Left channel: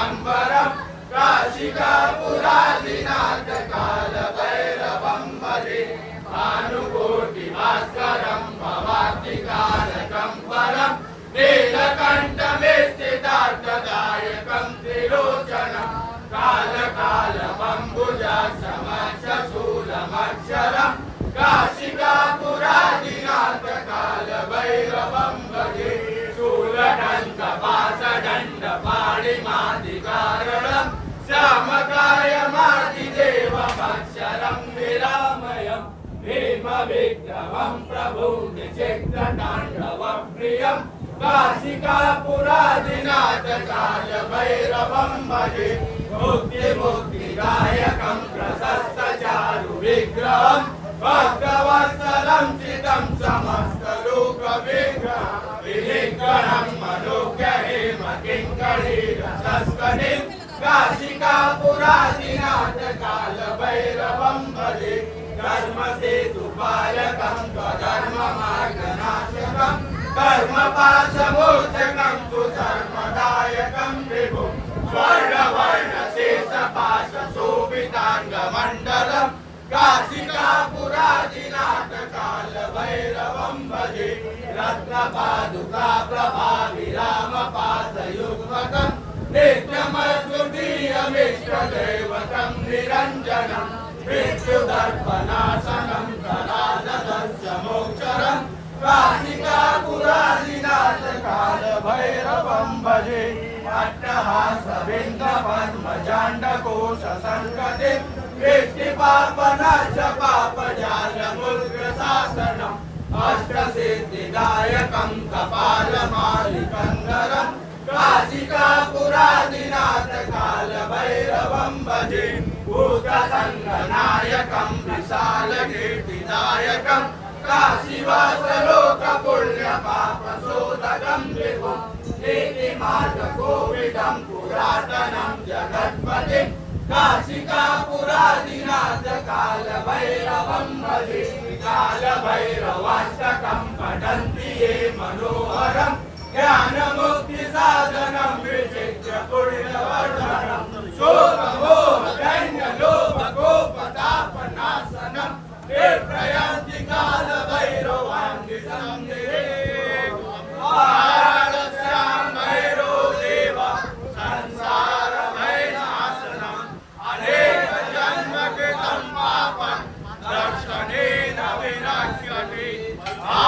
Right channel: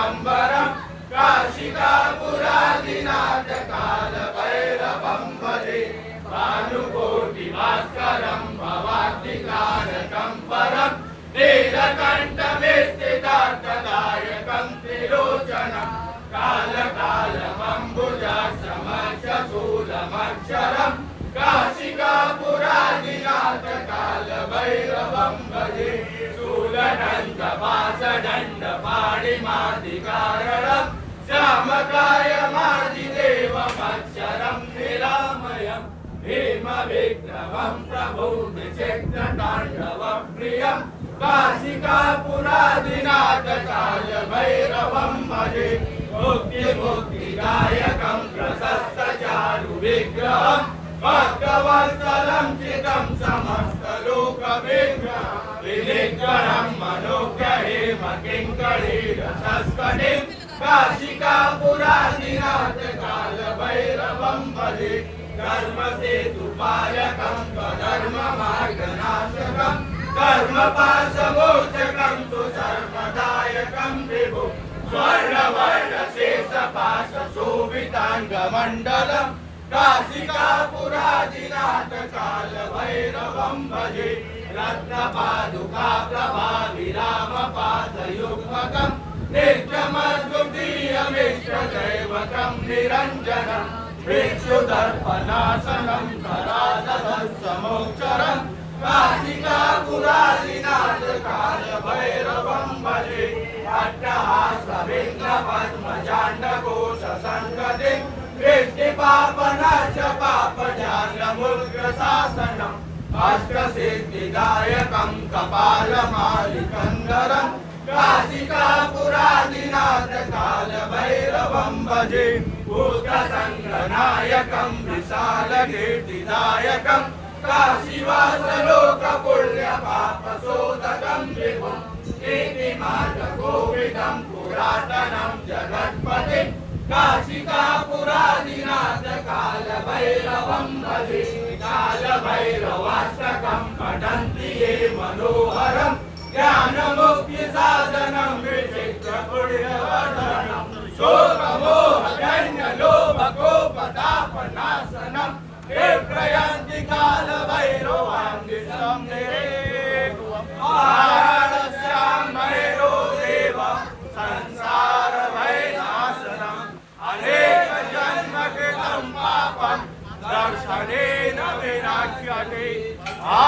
दिगम्बरम् काशिकापुरादिनाथ कालभैरवं भजे भानुकोटिभास्करं भवाब्धिकारकं परं नीलकण्ठमे स्थितार्थदायकं त्रिलोचनं कालकालमम्बुजासमक्षशूलमक्षरं काशिकापुरादिनाथ शूलदण्डपाशदण्डपाणिमादिकारणं श्यामकायमादिदेवमक्षरं विरामयम् भीमविक्रमं प्रभुं विचित्रताण्डवं प्रियं काशिकापुरादिनाथ कालभैरवं मुक्तिमुक्तिदायकं प्रशस्तचारुविग्रहं भक्तवत्सलं चितं समस्तलोकविग्रहं किङ्कणीरसस्कनिं काशिकापुरादिनाथ कालभैरवं भजे कर्म से दुपालकं धर्मसेतुपालकं स्वधर्ममार्गनाशकं कर्मपाशमोचकं तु सर्वदायकं विभुं स्वर्णवर्णशेषपाशशोभिताङ्गमण्डलं काशिकापुरादिनाथ कालभैरवं भजे रत्नपादुका प्रभाविरामपादयुग्मकम् नित्यमद्वितीयमिष्टदैवतं निरञ्जनं भिक्षुदर्पणासनं करालधर्षमोक्षरं काशिकापुरादिनाथ कालभैरवं भजे अट्टहासभिन्नपद्मजाण्डकोशसङ्गतिं कृष्टिपापनाश पापजानमुग्रशासनम् अष्टसिद्धिदायकं कपालमालिकन्दरम् काशिकापुरादिनाथ भूतसङ्गनायकं विशालकीर्तिदायकं काशीवासलोकपुण्यपापशोधकं विभुं कीर्तिमार्गकोविदं पुरातनं जगत्पतिं काशिकापुरादिनाथ कालभैरवं भजे कालभैरवाष्टकं पठन्ति ये मनोहरम् ज्ञानमुक्ति ஆட்சி ஆட்சி ஆ